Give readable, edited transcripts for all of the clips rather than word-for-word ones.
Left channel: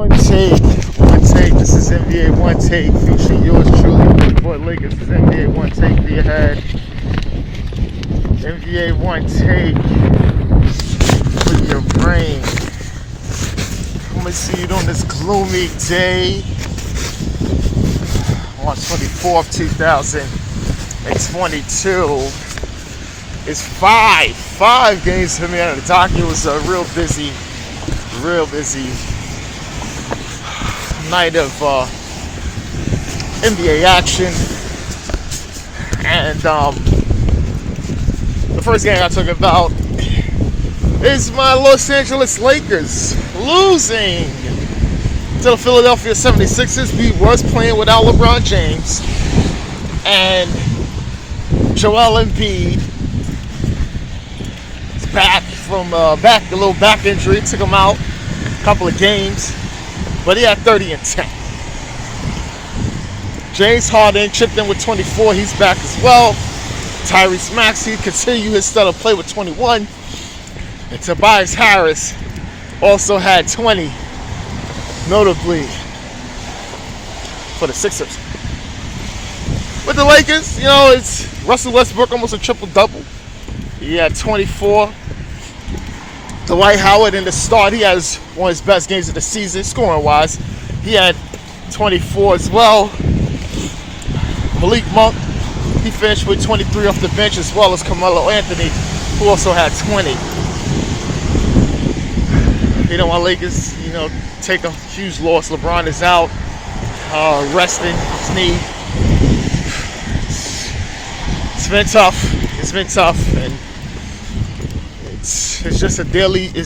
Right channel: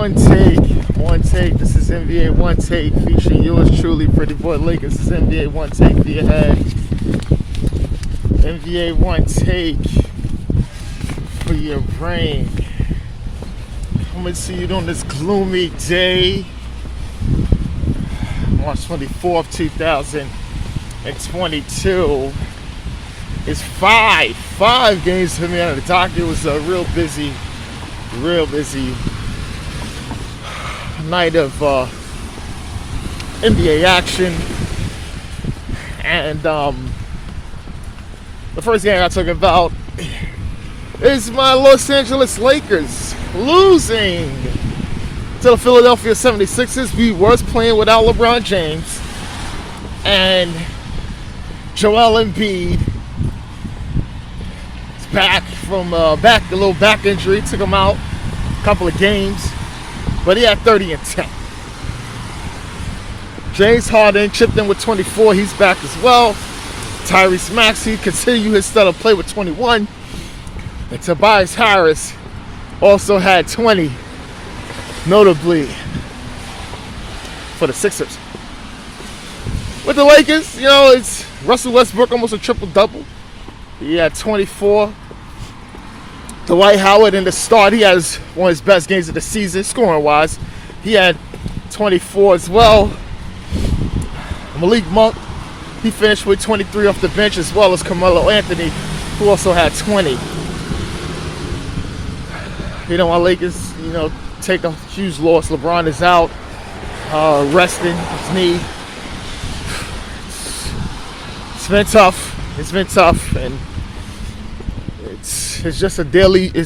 One take. This is NBA One Take featuring yours truly, Billy Boy Lakers. This is NBA One Take via head. NBA One Take for your brain. Let me see you on this gloomy day, March 24th, 2022. It's five games for me on the docket. It was a real busy night of NBA action, and the first game I talk about is my Los Angeles Lakers losing to the Philadelphia 76ers. We was playing without LeBron James and Joel Embiid. Back from a little back injury, took him out a couple of games, but he had 30 and 10. James Harden chipped in with 24, he's back as well. Tyrese Maxey continued his stellar play with 21, and Tobias Harris also had 20, notably for the Sixers. With the Lakers, it's Russell Westbrook, almost a triple-double. He had 24. Dwight Howard in the start, he has one of his best games of the season, scoring-wise. He had 24 as well. Malik Monk, he finished with 23 off the bench, as well as Carmelo Anthony, who also had 20. My Lakers, take a huge loss. LeBron is out, resting his knee. It's been tough, and it's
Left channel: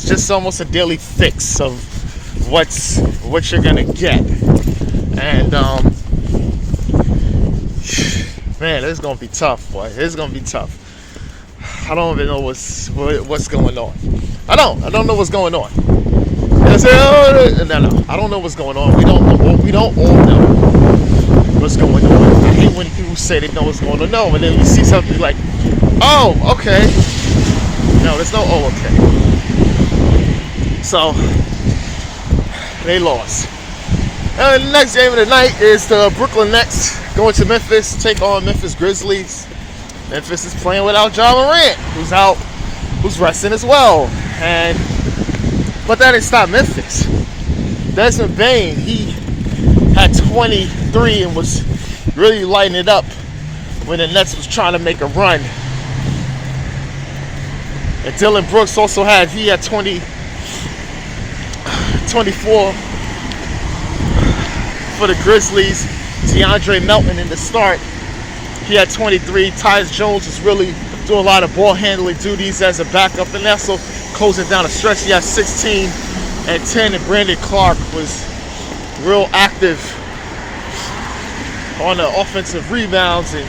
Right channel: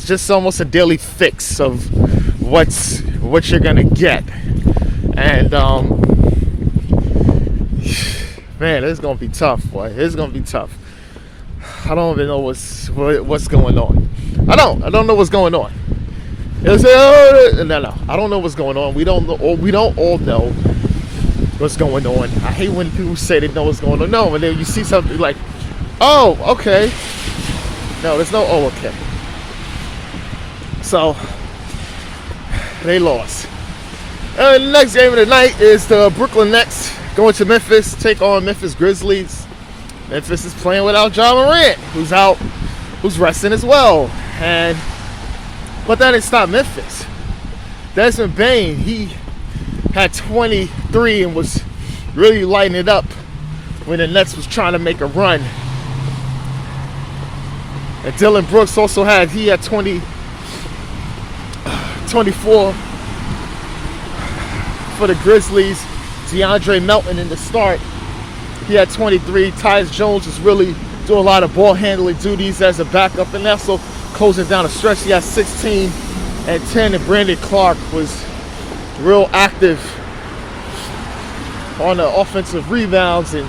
just almost a daily fix of what you're gonna get. And man, it's gonna be tough, boy. It's gonna be tough. I don't even know what's going on. I don't know what's going on. They say, no, I don't know what's going on. We don't all know what's going on. I hate when people say they know what's going on. No, but then you see something like, oh, okay. No, there's no oh, okay. So, they lost. And the next game of the night is the Brooklyn Nets going to Memphis, take on Memphis Grizzlies. Memphis is playing without Ja Morant, who's resting as well. But that didn't stop Memphis. Desmond Bane, he had 23 and was really lighting it up when the Nets was trying to make a run. And Dylan Brooks also had 24 for the Grizzlies. DeAndre Melton in the start, he had 23. Tyus Jones is really doing a lot of ball handling duties as a backup, and also closing down a stretch. He had 16 and 10, and Brandon Clark was real active on the offensive rebounds and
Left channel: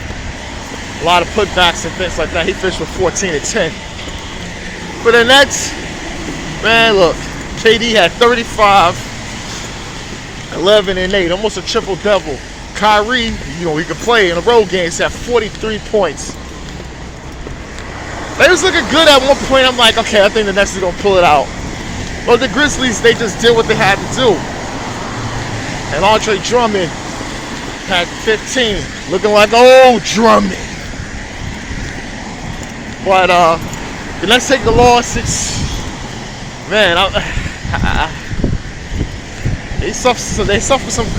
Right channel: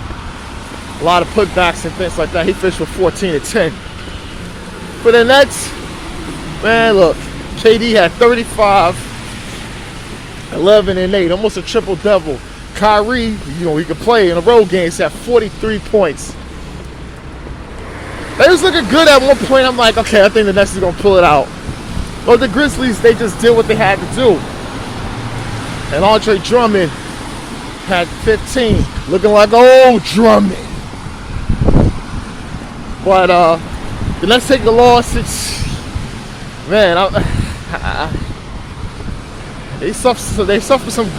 a lot of putbacks and things like that. He finished with 14 and 10. For the Nets, man, look, KD had 35, 11 and 8, almost a triple-double. Kyrie, he could play in the road games, had 43 points. They was looking good at one point. I'm like, okay, I think the Nets is going to pull it out. But the Grizzlies, they just did what they had to do. And Andre Drummond had 15, looking like old Drummond. But the Nets take the loss. They suffer some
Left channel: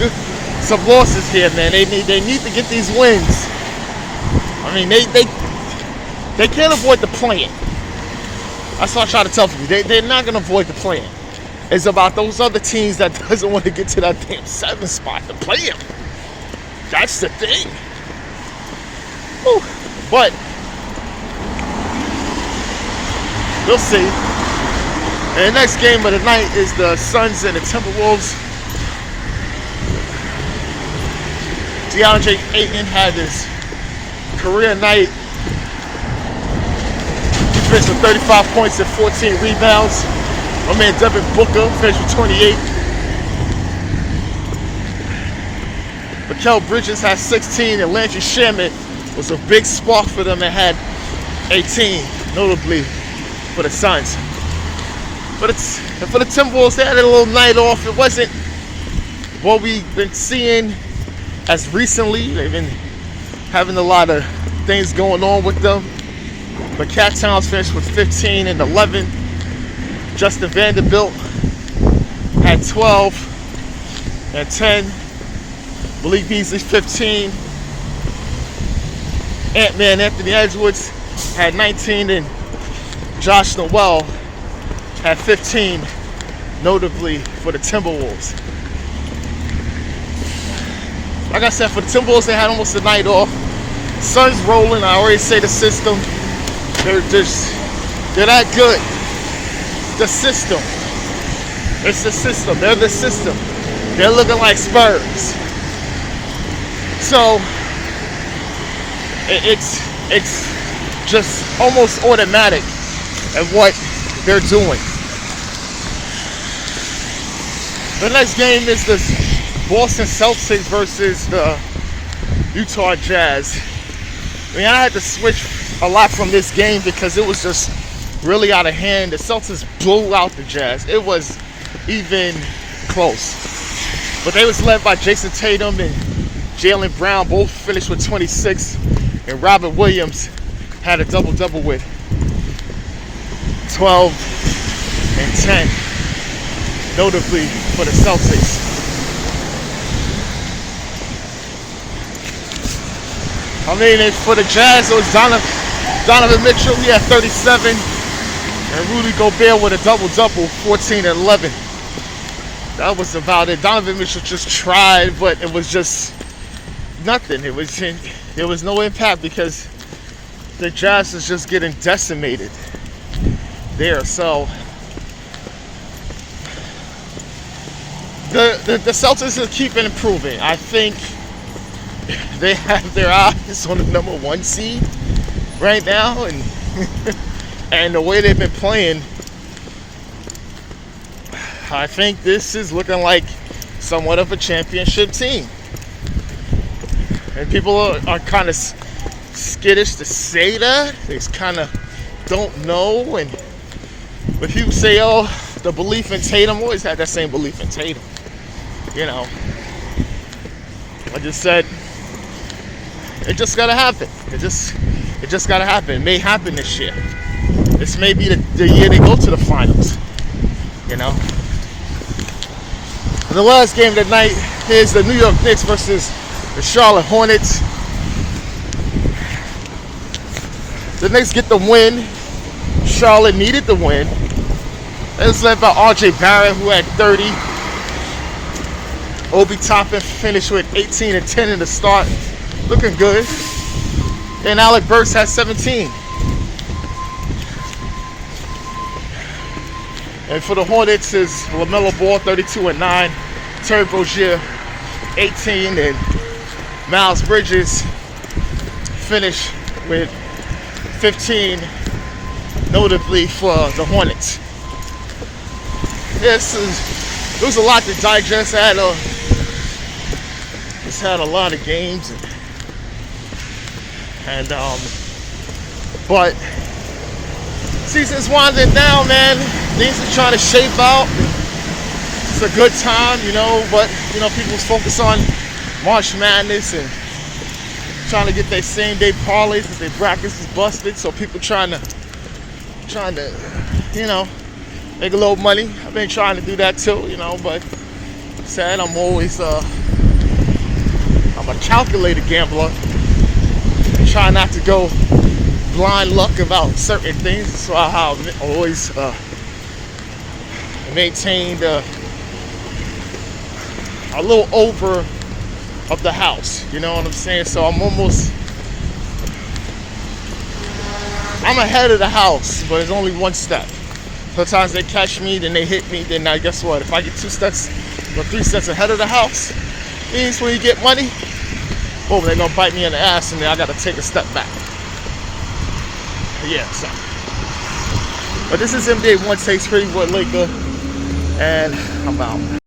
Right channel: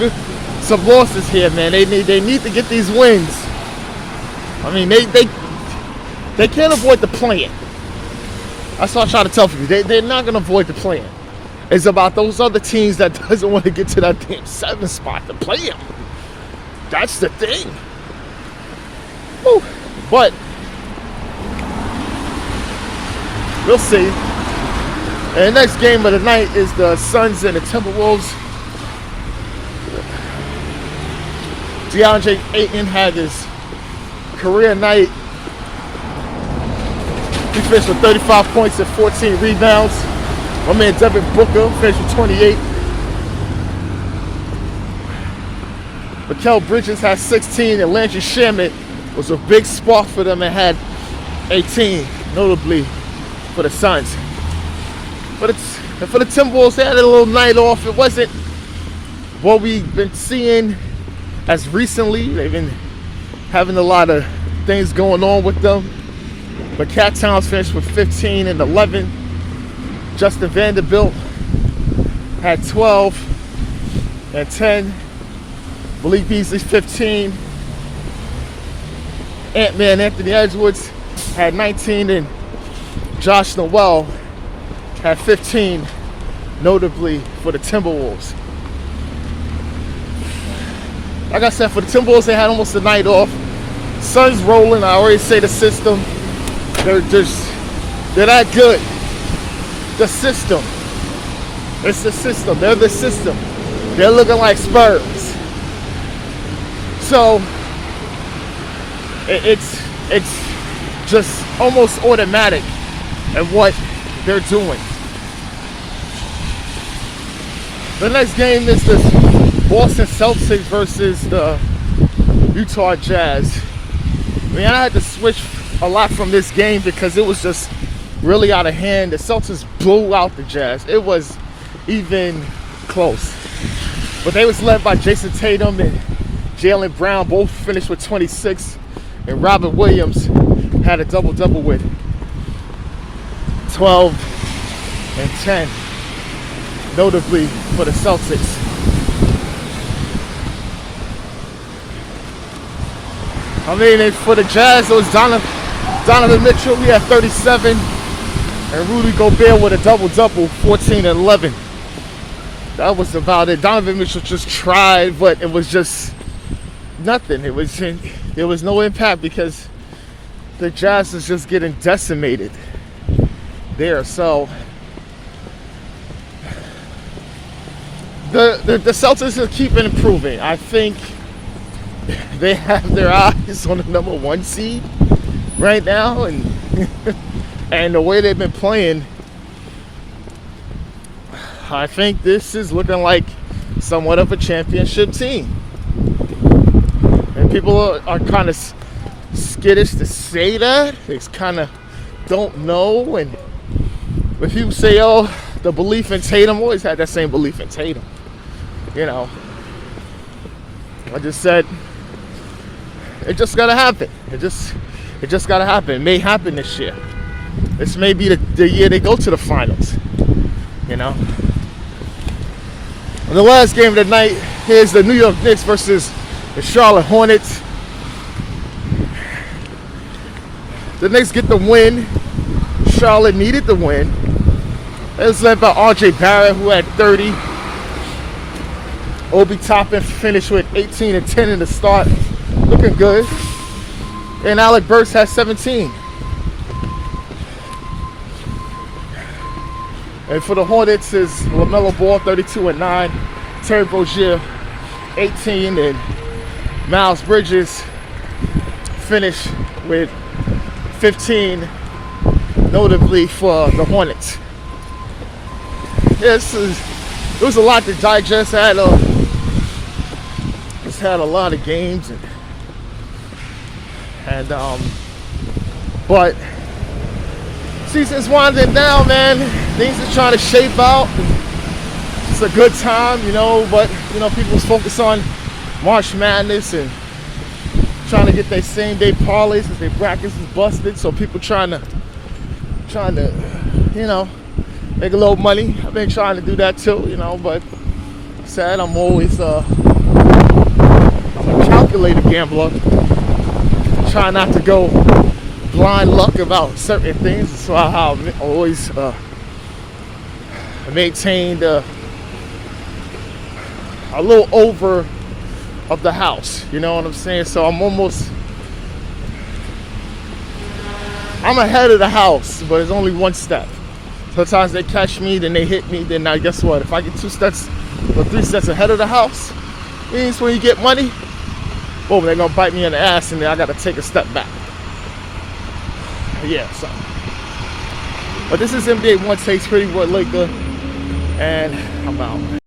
losses here, man. They need to get these wins. I mean, they can't avoid the play-in. That's what I try to tell you. They're not going to avoid the play-in. It's about those other teams that doesn't want to get to that damn 7th spot, the play-in. That's the thing. Whew. But we'll see. And the next game of the night is the Suns and the Timberwolves. DeAndre Ayton had his career night. He finished with 35 points and 14 rebounds. My man Devin Booker finished with 28. Mikal Bridges had 16, and Landry Shamet was a big spark for them and had 18, notably for the Suns. But for the Timberwolves, they had a little night off. It wasn't what we've been seeing as recently, they've been having a lot of things going on with them. But Cat Towns finished with 15 and 11. Justin Vanderbilt had 12 and 10. Malik Beasley 15. Ant-Man Anthony Edwards had 19, and Josh Noel had 15, notably for the Timberwolves. Like I said, for the Timberwolves, they had almost a night off. Sun's rolling. I already say the system. They're that good. The system. It's the system. They're the system. They're looking like Spurs. So it's just almost automatic at what they're doing. The next game is this Boston Celtics versus the Utah Jazz. I mean, I had to switch a lot from this game because it was just really out of hand. The Celtics blew out the Jazz. It was even close. But they was led by Jason Tatum and Jaylen Brown, both finished with 26. And Robert Williams had a double-double with 12 and 10, notably for the Celtics. I mean, for the Jazz, it was Donovan Mitchell. He had 37. And Rudy Gobert with a double-double, 14 and 11. That was about it. Donovan Mitchell just tried, but it was just nothing. There was no impact because the Jazz is just getting decimated there. So the Celtics are keeping improving. I think they have their eyes on the number 1 seed right now, and and the way they've been playing, I think this is looking like somewhat of a championship team. And people are kind of skittish to say that. They kind of don't know. And if you say, oh, the belief in Tatum, always had that same belief in Tatum. You know, I just said, it just got to happen. It just got to happen. It may happen this year. This may be the year they go to the finals. You know. And the last game of the night is the New York Knicks versus the Charlotte Hornets. The Knicks get the win. Charlotte needed the win. It was led by R.J. Barrett, who had 30. Obi Toppin finished with 18 and 10 in the start. Looking good. And Alec Burks has 17. And for the Hornets is LaMelo Ball, 32 and 9. Terry Rozier, 18. And Miles Bridges finished with 15, notably for the Hornets. It was a lot to digest. I had a lot of games, but season's winding down, man. Things are trying to shape out. It's a good time, but people's focus on March Madness and trying to get their same day parlays because their brackets is busted. So people trying to make a little money. I've been trying to do that too, but sad. I'm always I'm a calculated gambler. Try not to go blind luck about certain things. So I have always maintained a little over of the house. You know what I'm saying? So I'm ahead of the house, but it's only one step. Sometimes they catch me, then they hit me, then I guess what? If I get 2 steps or 3 steps ahead of the house, means when you get money, boom, they're gonna bite me in the ass and then I gotta take a step back. Yeah, so. But this is NBA Onetake, Pretty Boy Laker, and I'm out.